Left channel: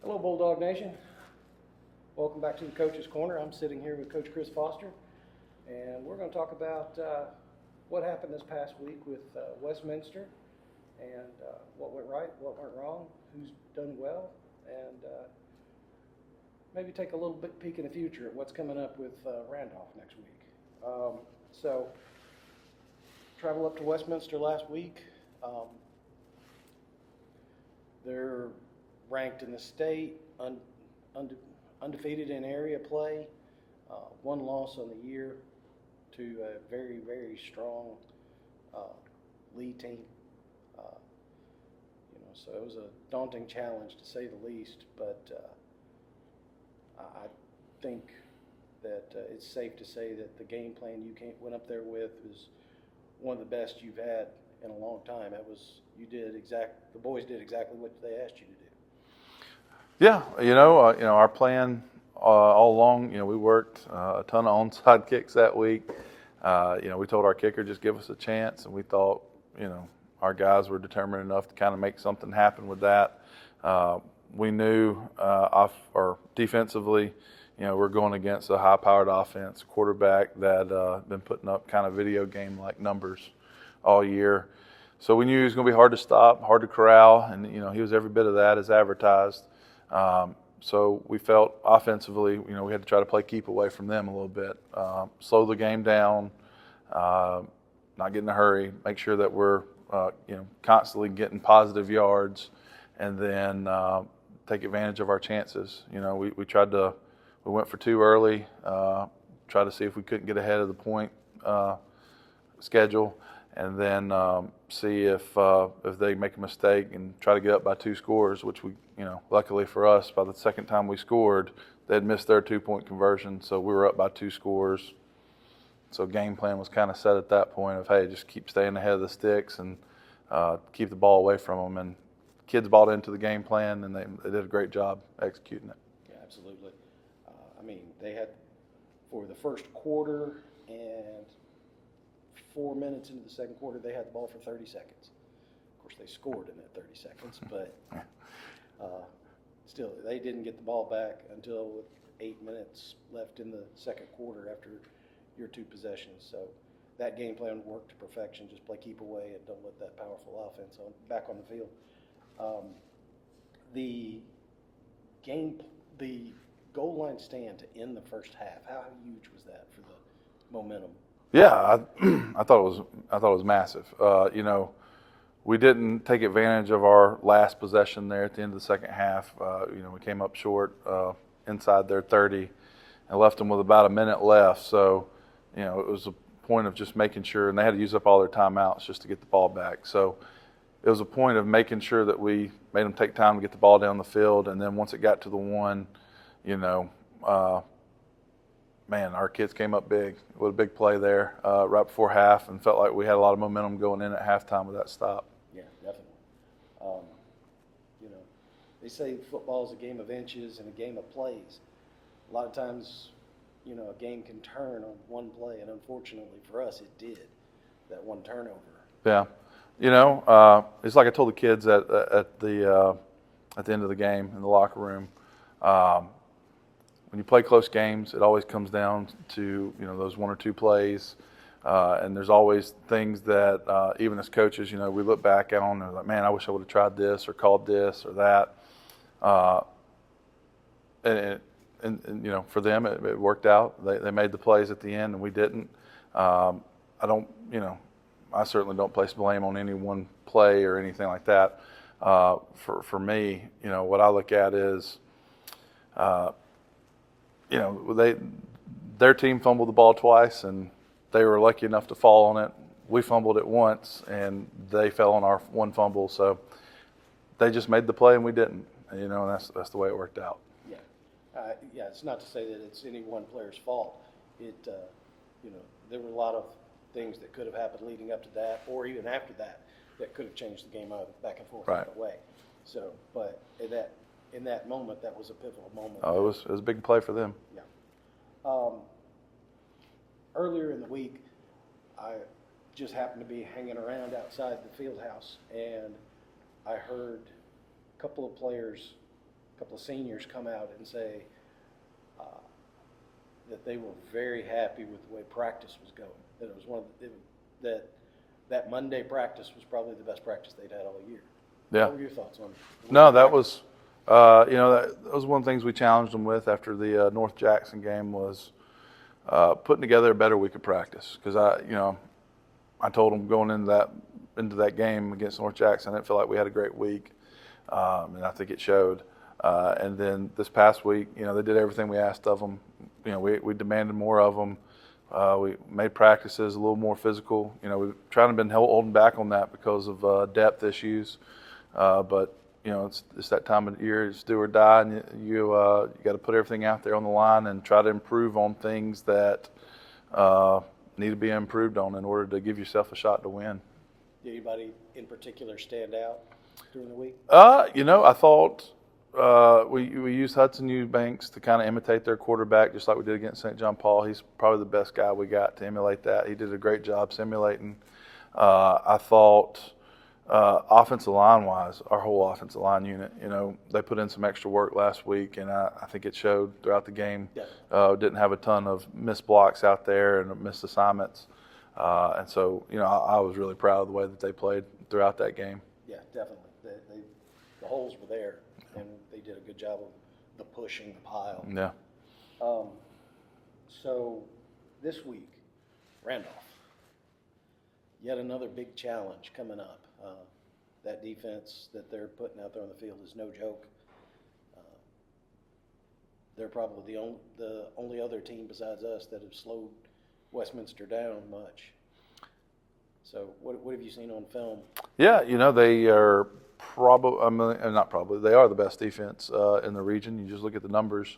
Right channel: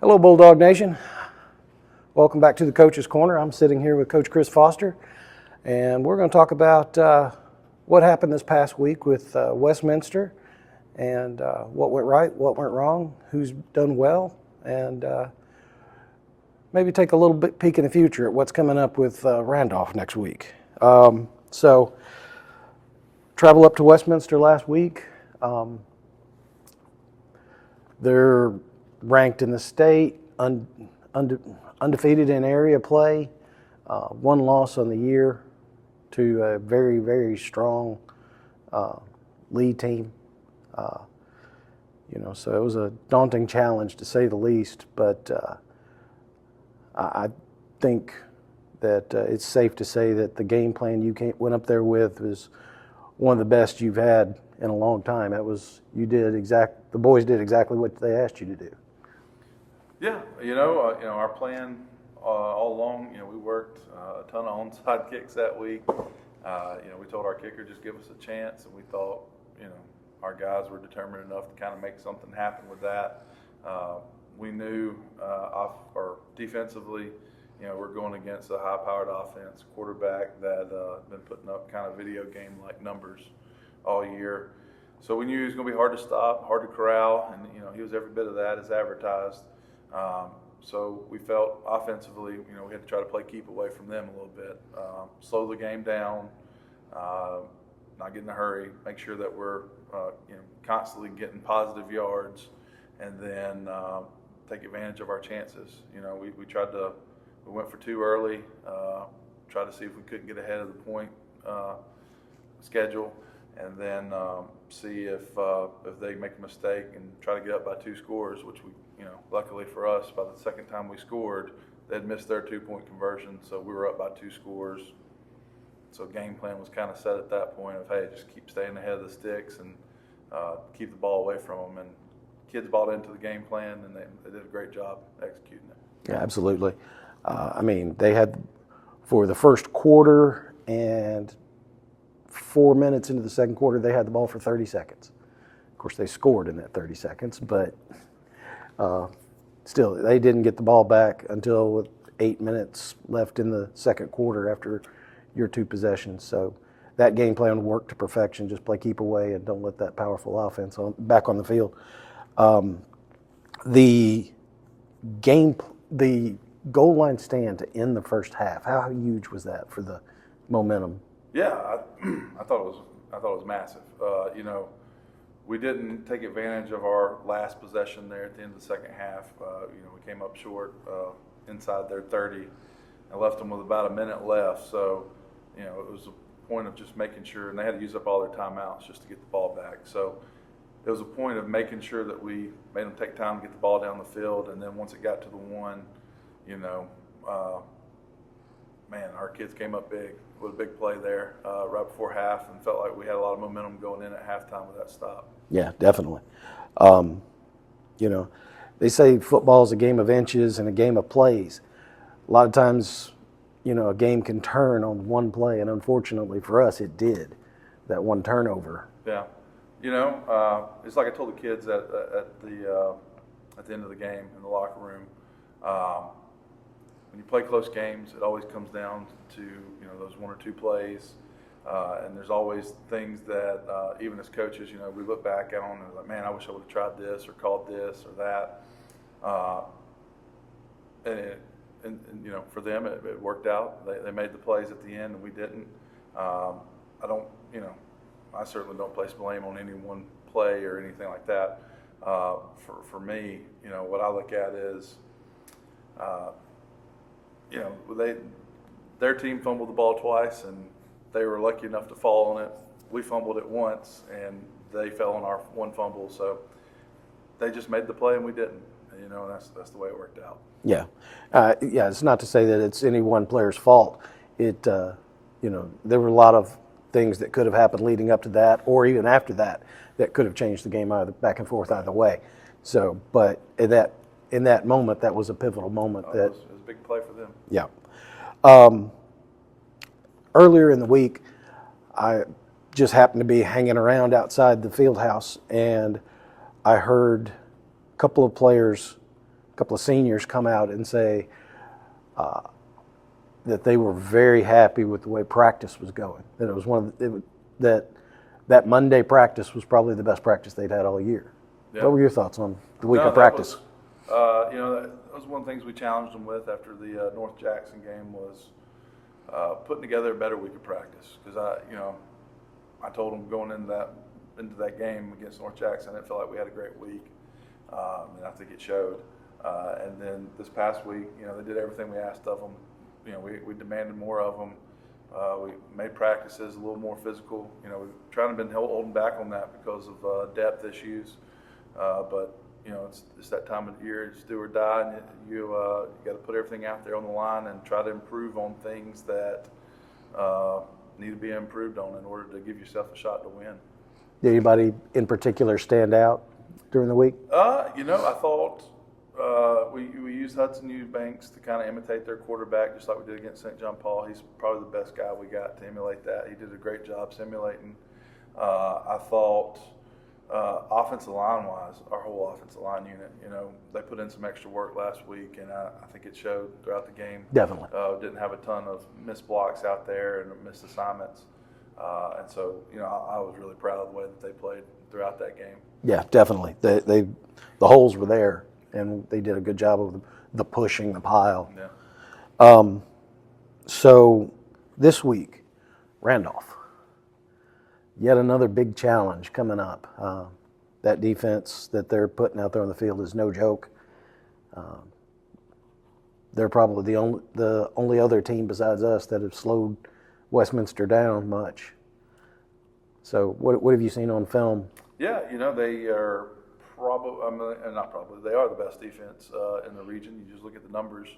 Hello, Bulldog Nation. Welcome back to the Coach's Corner. I'm sitting here with Coach Chris Foster, and we're going to talk about what happened this past week with Westminster and what went right, what went wrong, who's done well, and maybe take a little bit peek in the future at what's coming up with Randolph next week. So, travel up to Westminster last week. They're ranked in the state, undefeated in area play, one loss on the year to a very, very strong lead team. So it was a daunting challenge to say the least, but I think that it's safe to say that the game plan you went up there with was one of the best you've had in a long time. The boys did exactly what they asked you to do. Yeah, our plan all along, we worked a ton of onside kicks that week. We told our kicker, just give us a chance, and we thought, our guys were determined enough to kind of make something happen with that. We knew defensively, we're going against a high-powered offense, quarterback that been putting up kind of video game-like numbers all year. So we knew he was going to be hard to stop, hard to corral, and he was every bit of that as advertised. So we felt offensively, we had to try to play keep away from them a little bit, slow the game down, not get in a hurry, make sure that we're constantly getting positive yards, and then take advantage of our chances. We went for two early, tried to see if we couldn't get ahead of the point schedule, and then see if they make a mistake and try to get up by two scores, which we, luckily for us, by the second time we scored, they'd missed their 2-point conversion, so we were up by 2 scores. So game plan was kind of set at that point of, hey, just keep staying ahead of the sticks and keep the ball away from them. And kids bought into the game plan, and they did a great job executing it. Yeah, absolutely. They had, for the first quarter and 4 minutes into the second quarter, they had the ball for 30 seconds. Of course, they scored in that 30 seconds, but still, they didn't get the ball back until with 8 minutes left in the second quarter after your 2 possessions. So that game plan worked to perfection. Just play keep away and don't let that powerful offense back on the field. The goal line stand to end the first half, how huge was that for the momentum? Yeah, I thought it was massive. We didn't take advantage of our last possession there at the end of the second half. We came up short inside their 30 and left them with about a minute left. So, it was a point of just making sure, and they had to use up all their timeouts just to get the ball back. So it was a point of making sure that we made them take time to get the ball down the field, and then once it got to the one, our kids came up big with a big play there right before half, and felt like we had a lot of momentum going in at halftime with that stop. Yeah, definitely. They say football is a game of inches and a game of plays. A lot of times, a game can turn on one play, and unfortunately for us, it did. That one turnover. Yeah, it's like I told the kids at the end of the game in the locker room. When you play close games, it always comes down to those 1 or 2 plays, and there's always things that even as coaches, we look back on and like, man, I wish I would have tried this or called this or that. And for them, it worked out. They made the plays at the end, and we didn't. I certainly don't place blame on any one play or anything like that. For me, what I look at is, their team fumbled the ball twice, and they were lucky enough to fall on it. We fumbled it once, and they fell on our one fumble. So they just made the play, and we didn't. And that's the way it worked out. Yeah. It's not to say that it's any one player's fault. There were a lot of things that could have happened leading up to that, or even after that could have changed the game either back and forth either way. So, but in that moment, that was a pivotal moment. It was a big play for them. Yeah. Earlier in the week, I just happened to be hanging around outside the field house, and I heard a couple of players couple of seniors come out and say that they were very happy with the way practice was going. That it was that Monday practice was probably the best practice they'd had all year. Yeah. What were your thoughts on the week No, of that practice? was, that was one of the things we challenged them with after the North Jackson game was putting together a better week of practice. Because I told them going into that game against North Jackson, I felt like we had a great week, and I think it showed. And then this past week, they did everything we asked of them. We demanded more of them. We made practices a little more physical. We've trying to been holding back on that because of depth issues. But it's that time of the year, it's do or die, and you got to put everything out there on the line and try to improve on things that need to be improved on in order to give yourself a shot to win. Did anybody in particular stand out during the week? I thought we used Hudson Eubanks to kind of imitate their quarterback, just like we did against St. John Paul. He's probably the best guy we got to emulate that. He did a great job simulating. I thought offensive line-wise, our whole offensive line unit, they put in some extra work last week, and I think it showed throughout the game. Definitely. Didn't have a ton of missed blocks out there and missed assignments. And so, I was really proud of the way that they played throughout that game. Yeah, definitely. The holes were there, and they did a good job of the pushing, the pile. Yeah. So this week, Randolph. Yet another big challenge coming up. That defense that they're putting out there on the field is no joke. They're probably the only other team besides us that have slowed Westminster down much. So what have you seen on film? Yeah, they are they are the best defense in the region. You just look at the numbers.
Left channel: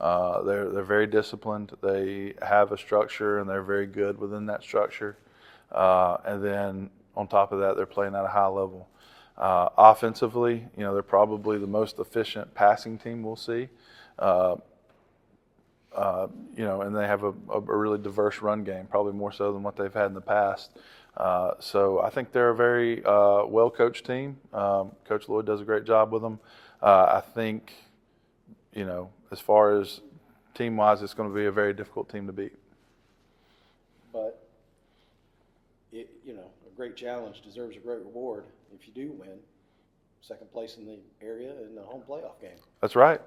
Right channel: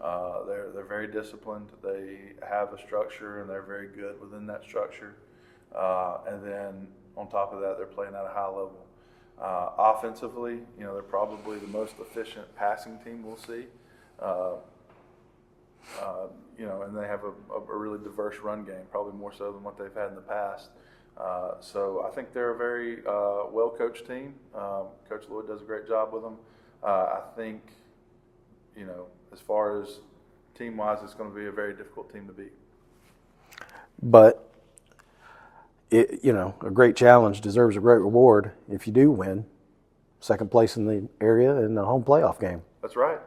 They're very disciplined. They have a structure, and they're very good within that structure. And then on top of that, they're playing at a high level. Offensively, they're probably the most efficient passing team we'll see. And they have a really diverse run game, probably more so than what they've had in the past. So I think they're a very well-coached team. Coach Lloyd does a great job with them. I think, as far as team-wise, it's going to be a very difficult team to beat. But a great challenge deserves a great reward if you do win. Second place in the area in the home playoff game. That's right.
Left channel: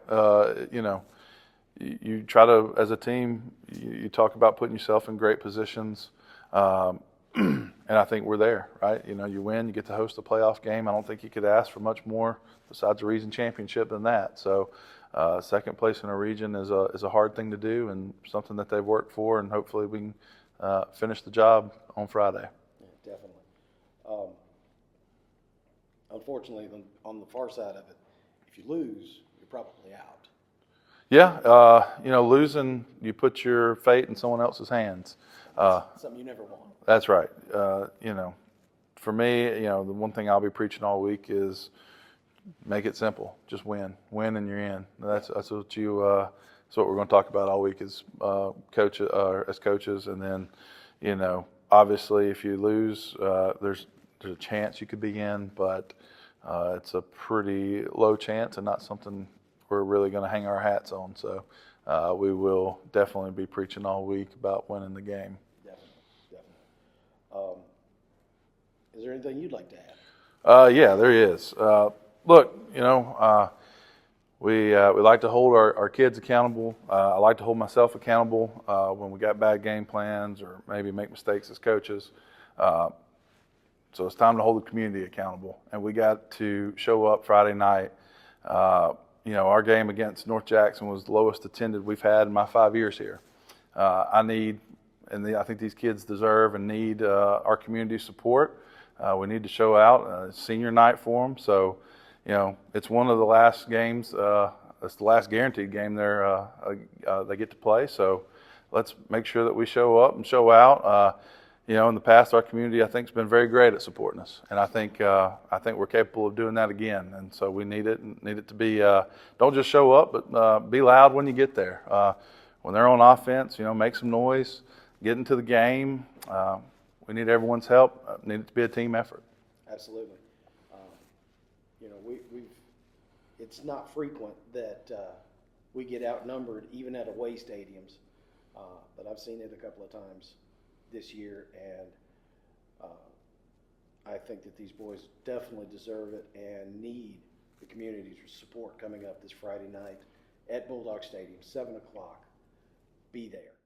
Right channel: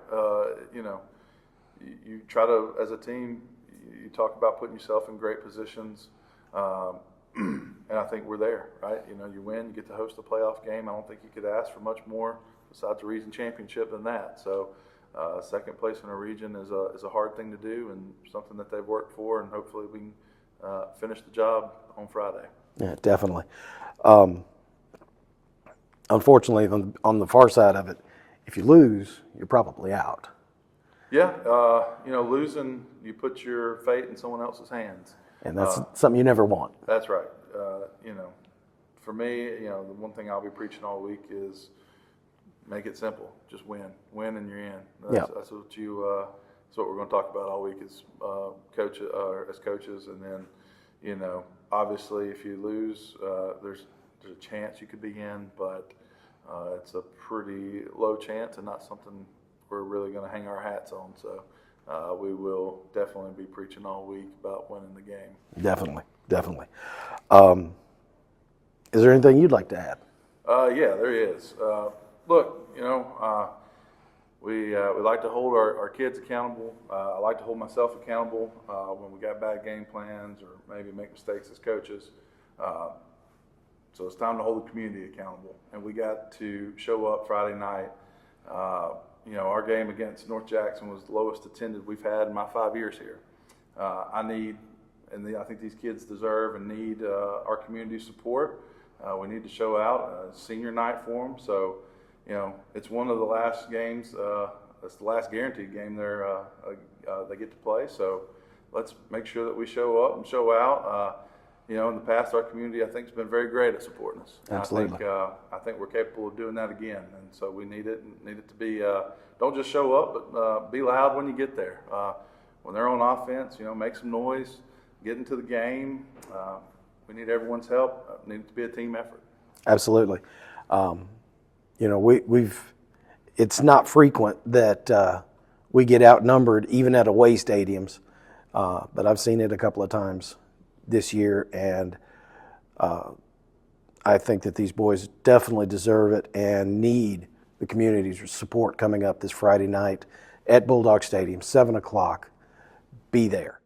You try to, as a team, you talk about putting yourself in great positions, and I think we're there, right? You win, you get to host a playoff game. I don't think you could ask for much more besides a region championship than that. So second place in a region is a hard thing to do and something that they've worked for, and hopefully we can finish the job on Friday. Yeah, definitely. Unfortunately, on the far side of it, if you lose, you're probably out. Yeah, losing, you put your fate in someone else's hands. And that's something you never want. That's right. For me, the one thing I'll be preaching all week is make it simple. Just win. Win and you're in. That's what that's what we're going to talk about all week is as coaches. And then, obviously if you lose, there's a chance you could be in, but it's a pretty low chance and not something we're really going to hang our hats on. So we will definitely be preaching all week about winning the game. Definitely. Is there anything you'd like to add? Yeah, there is. Look, we like to hold our kids accountable. I like to hold myself accountable when we got bad game plans or maybe make mistakes as coaches. So it's time to hold the community accountable. And we got to show up Friday night. Our game against North Jackson was the lowest attended we've had in my 5 years here. I think these kids deserve and need our community support. We need to show out. Senior night for them. So, it's one of the last games. It's the last guaranteed game they get to play. So let's make sure that we show up and show out. In the past, our community, I think, has been very great at supporting us. And Absolutely. I think we're capable of doing that again. And so we need it to be, don't just show up, but be loud when you get there. When they're on offense, make some noise, get into the game. We need everyone's help. Need it to be a team effort. Absolutely. We've it's not frequent that we get outnumbered even at away stadiums, but I've seen it a couple of times this year, and I think that these boys definitely deserve it and need the community's support coming up this Friday night at Bulldog Stadium, 7 o'clock. Be there.